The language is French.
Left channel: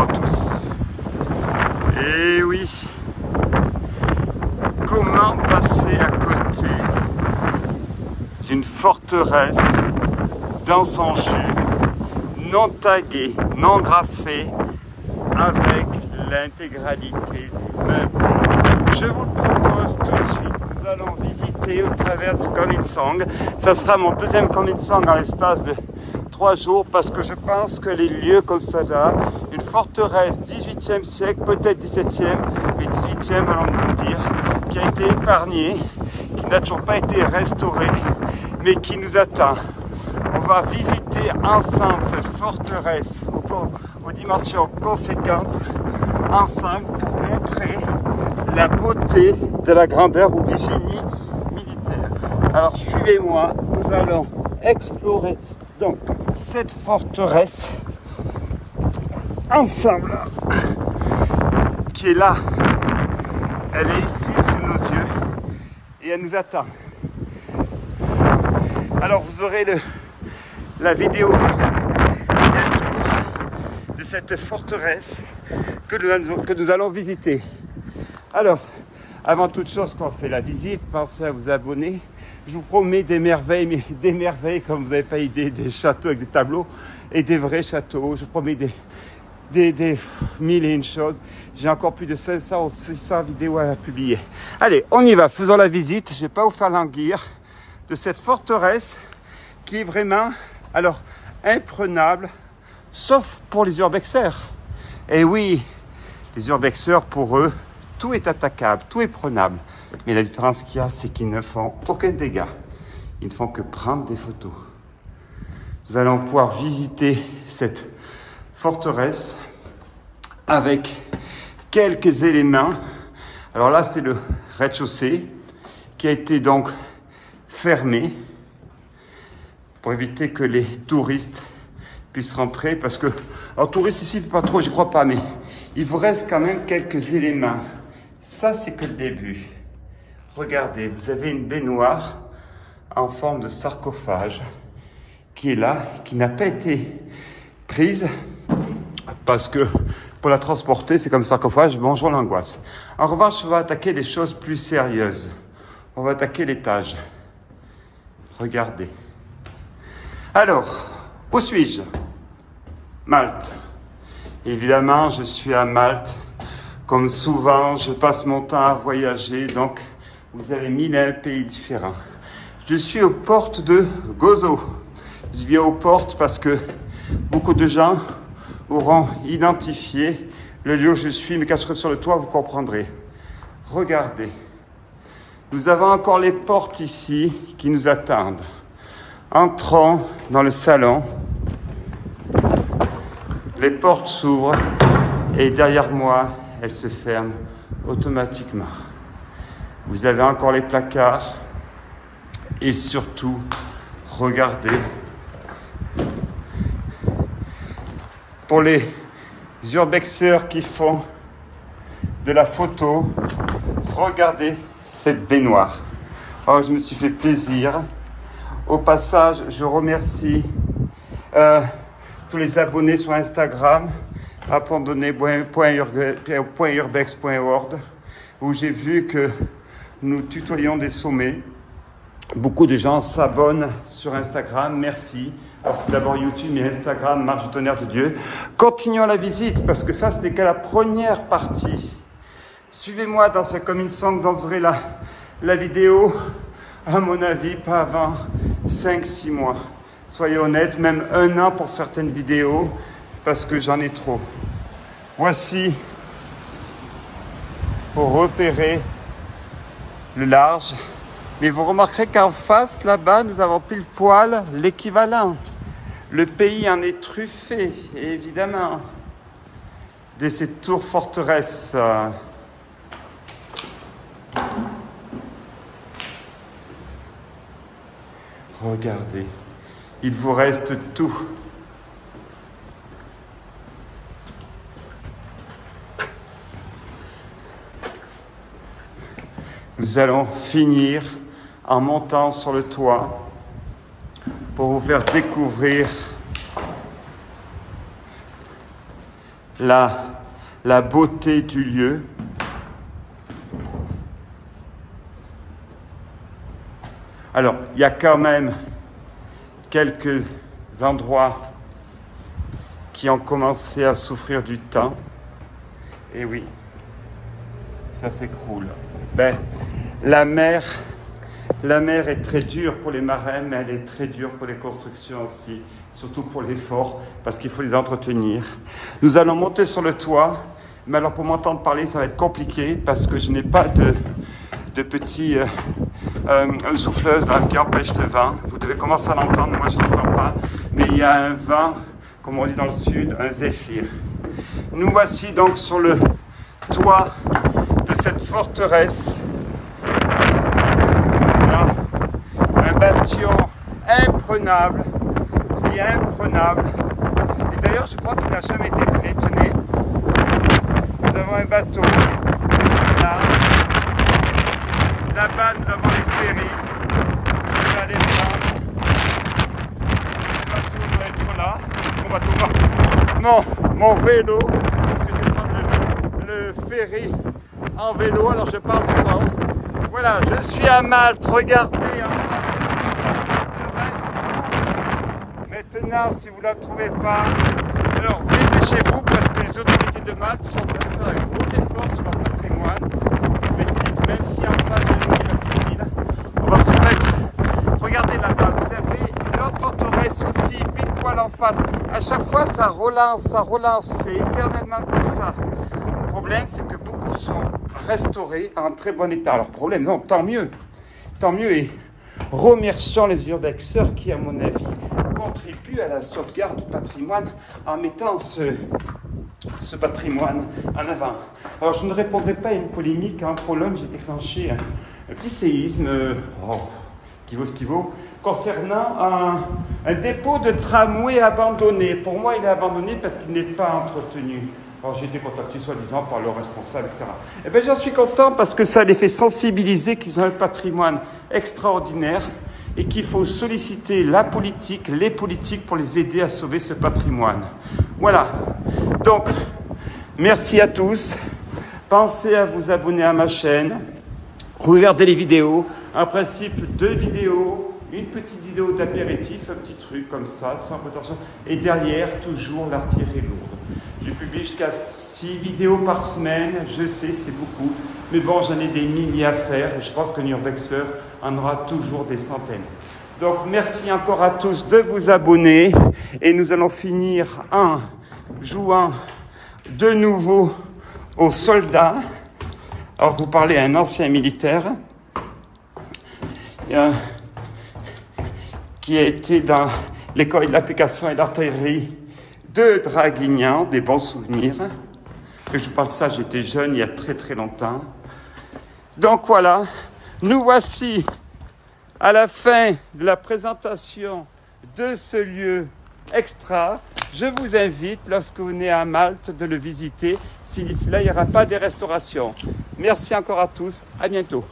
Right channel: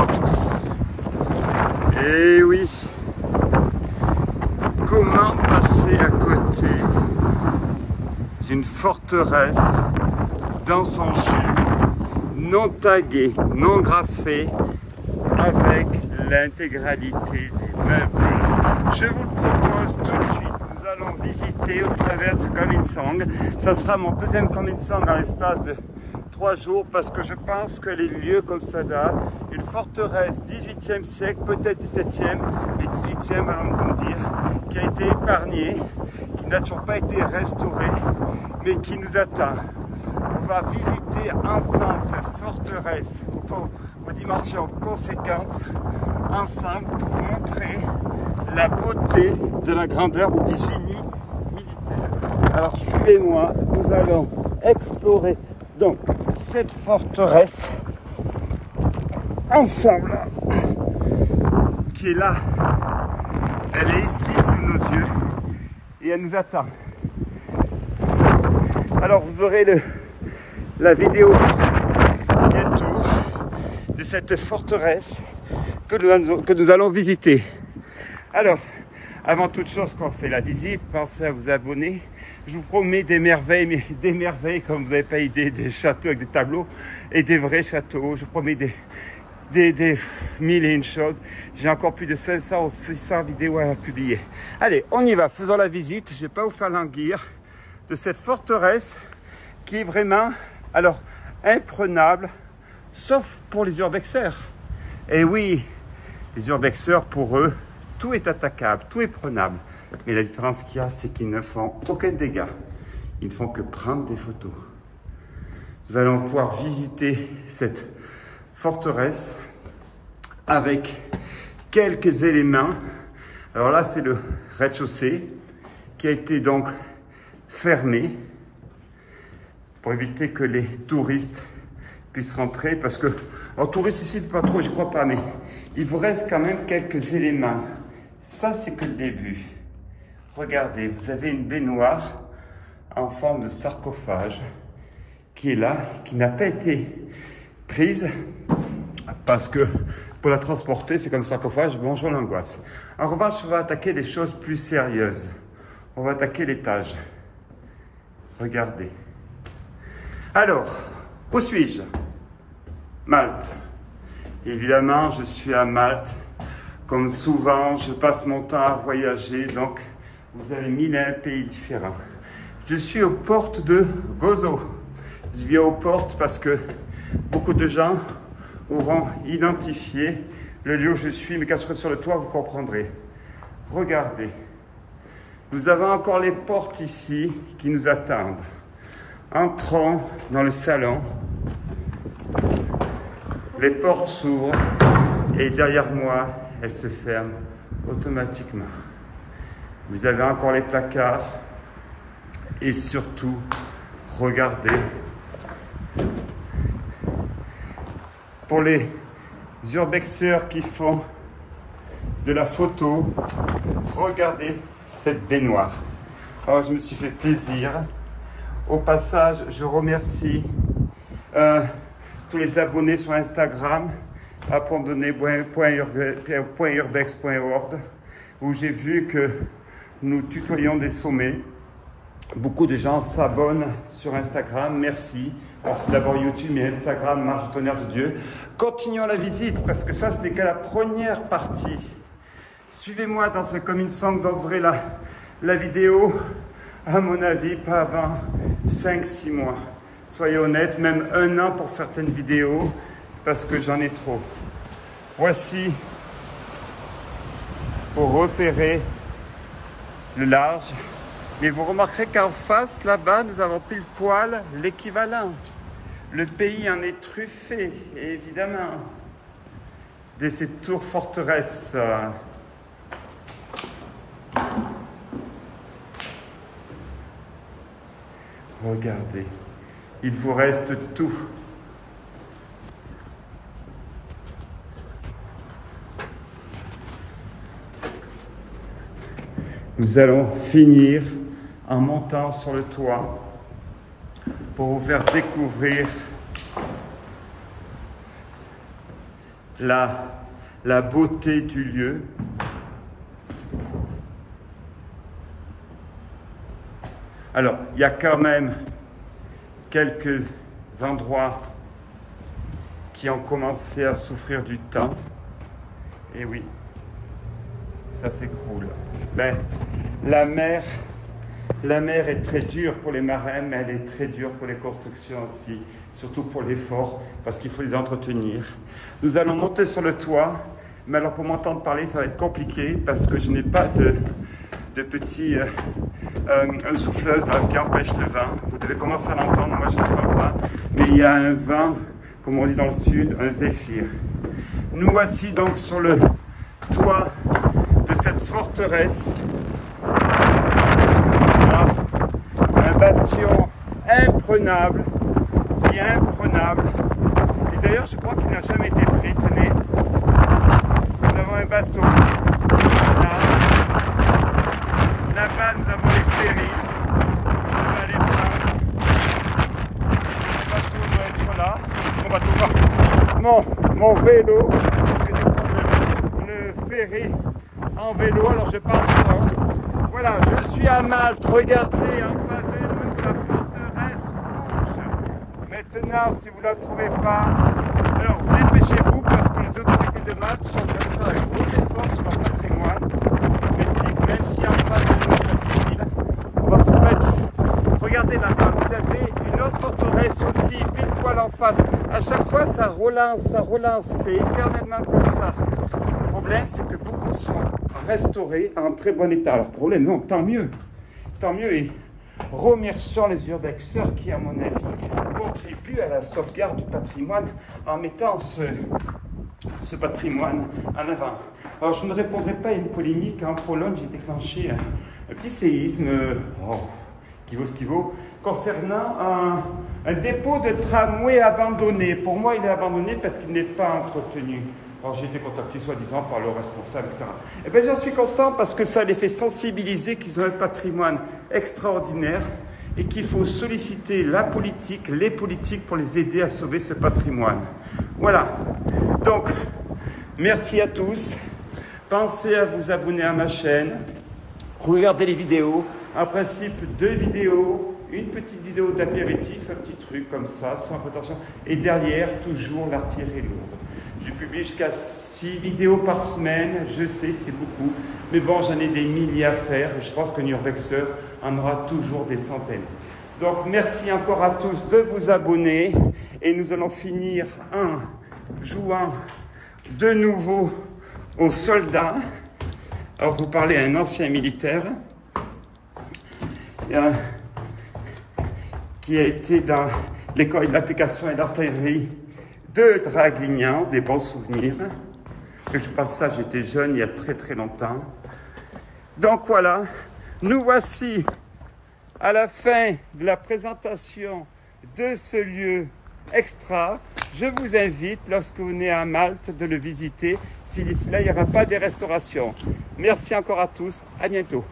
bonjour à tous. Et oui, comment passer à côté d'une forteresse dans son jus, non taguée, non graffée, avec l'intégralité des meubles? Je vous le propose tout de suite. Nous allons visiter au travers du Kominsong. Ça sera mon deuxième Kominsong en l'espace de 3 jours, parce que je pense que les lieux comme ça là, une forteresse 18e siècle, peut-être 17e et 18e, allons-nous dire, qui a été épargnée, qui n'a toujours pas été restaurée, mais qui nous attend. On va visiter ensemble cette forteresse aux dimensions conséquentes, ensemble, pour montrer la beauté de la grandeur ou des génies militaires. Alors suivez-moi, nous allons explorer donc cette forteresse ensemble, qui est là. Elle est ici sous nos yeux et elle nous attend. Alors vous aurez la vidéo de cette forteresse que nous allons visiter. Alors, avant toute chose, quand on fait la visite, pensez à vous abonner. Je vous promets des merveilles, mais des merveilles comme vous n'avez pas idée, des châteaux avec des tableaux et des vrais châteaux. Je vous promets des mille et une choses. J'ai encore plus de 500 ou 600 vidéos à publier. Allez, on y va, faisons la visite. Je ne vais pas vous faire languir de cette forteresse qui est vraiment, alors, imprenable, sauf pour les urbexeurs. Et oui, les urbexeurs, pour eux, tout est attaquable, tout est prenable. Mais la différence qu'il y a, c'est qu'ils ne font aucun dégât. Ils ne font que prendre des photos. Nous allons pouvoir visiter cette forteresse avec quelques éléments. Alors là, c'est le rez-de-chaussée qui a été donc fermé pour éviter que les touristes puissent rentrer. Parce que, alors touristes ici, pas trop, je crois pas, mais il vous reste quand même quelques éléments. Ça, c'est que le début. Regardez, vous avez une baignoire en forme de sarcophage qui est là, qui n'a pas été prise parce que pour la transporter, c'est comme sarcophage, bonjour l'angoisse. En revanche, on va attaquer les choses plus sérieuses. On va attaquer l'étage. Regardez. Alors, où suis-je? Malte. Évidemment, je suis à Malte. Comme souvent, je passe mon temps à voyager, donc vous avez 1001 pays différents. Je suis aux portes de Gozo. Je dis bien aux portes parce que beaucoup de gens auront identifié le lieu où je suis, me cacherai sur le toit, vous comprendrez. Regardez, nous avons encore les portes ici qui nous attendent. Entrons dans le salon. Les portes s'ouvrent et derrière moi, elles se ferment automatiquement. Vous avez encore les placards et surtout, regardez. Pour les urbexeurs qui font de la photo, regardez cette baignoire. Oh, je me suis fait plaisir. Au passage, je remercie tous les abonnés sur Instagram, abandonner.urbex.org, où j'ai vu que nous tutoyons des sommets. Beaucoup de gens s'abonnent sur Instagram, merci. Alors c'est d'abord YouTube, mais Instagram, marche du tonnerre de Dieu. Continuons la visite, parce que ça, ce n'est que la première partie. Suivez-moi dans ce Kominsong, dont vous aurez la vidéo, à mon avis, pas avant 5-6 mois. Soyez honnêtes, même 1 an pour certaines vidéos, parce que j'en ai trop. Voici, pour repérer le large. Mais vous remarquerez qu'en face, là-bas, nous avons pile poil l'équivalent. Le pays en est truffé, évidemment, de ces tours forteresses. Regardez, il vous reste tout. Nous allons finir en montant sur le toit pour vous faire découvrir la beauté du lieu. Alors, il y a quand même quelques endroits qui ont commencé à souffrir du temps. Et oui, ça s'écroule. Ben, la mer est très dure pour les marins, mais elle est très dure pour les constructions aussi, surtout pour les forts, parce qu'il faut les entretenir. Nous allons monter sur le toit, mais alors pour m'entendre parler, ça va être compliqué, parce que je n'ai pas de petit souffleuse là, qui empêche le vent. Vous devez commencer à l'entendre, moi je n'entends pas, mais il y a un vent, comme on dit dans le sud, un zéphyr. Nous voici donc sur le toit de cette forteresse. Là, un bastion imprenable, je dis imprenable. Et d'ailleurs, je crois qu'il n'a jamais été pris. Tenez, nous avons un bateau. Là. Là-bas, nous avons les ferries. Vous devez aller prendre. Le bateau doit être là. Mon bateau, non, mon vélo, parce que j'ai pris le ferry en vélo, alors je parle fort. Voilà, je suis à Malte, regardez en face de nous la forteresse rouge. Maintenant, si vous ne la trouvez pas, alors dépêchez-vous parce que les autorités de Malte sont en train de faire un gros effort sur leur patrimoine. Même si en face de nous, la Sicile, on va se mettre. Regardez là-bas, vous avez une autre forteresse aussi, pile poil en face. À chaque fois, ça relance, c'est éternellement comme ça. Le problème, c'est que beaucoup sont restaurés en très bon état. Alors, problème, non, tant mieux. Tant mieux. Et remercions les urbexeurs qui, à mon avis, contribuent à la sauvegarde du patrimoine en mettant ce patrimoine en avant. Alors, je ne répondrai pas à une polémique. En Pologne, j'ai déclenché un petit séisme, qui vaut ce qu'il vaut, concernant un dépôt de tramway abandonné. Pour moi, il est abandonné parce qu'il n'est pas entretenu. Alors, j'ai été contacté soi-disant par le responsable, etc. Eh bien, j'en suis content parce que ça les fait sensibiliser qu'ils ont un patrimoine extraordinaire et qu'il faut solliciter la politique, les politiques pour les aider à sauver ce patrimoine. Voilà. Donc, merci à tous. Pensez à vous abonner à ma chaîne. Regardez les vidéos. En principe, 2 vidéos. Une petite vidéo d'apéritif, un petit truc comme ça, sans prétention. Et derrière, toujours l'artillerie lourde. Je publie jusqu'à 6 vidéos par semaine. Je sais, c'est beaucoup. Mais bon, j'en ai des milliers à faire. Et je pense qu'un urbexeur en aura toujours des centaines. Donc, merci encore à tous de vous abonner. Et nous allons finir en jouant de nouveau aux soldats. Alors, vous parlez à un ancien militaire. Qui a été dans l'école de l'application et d'artillerie de Draguignan, des bons souvenirs. Et je vous parle de ça, j'étais jeune il y a très très longtemps. Donc voilà, nous voici à la fin de la présentation de ce lieu extra. Je vous invite, lorsque vous venez à Malte, de le visiter, si d'ici là il n'y aura pas de restauration. Merci encore à tous, à bientôt.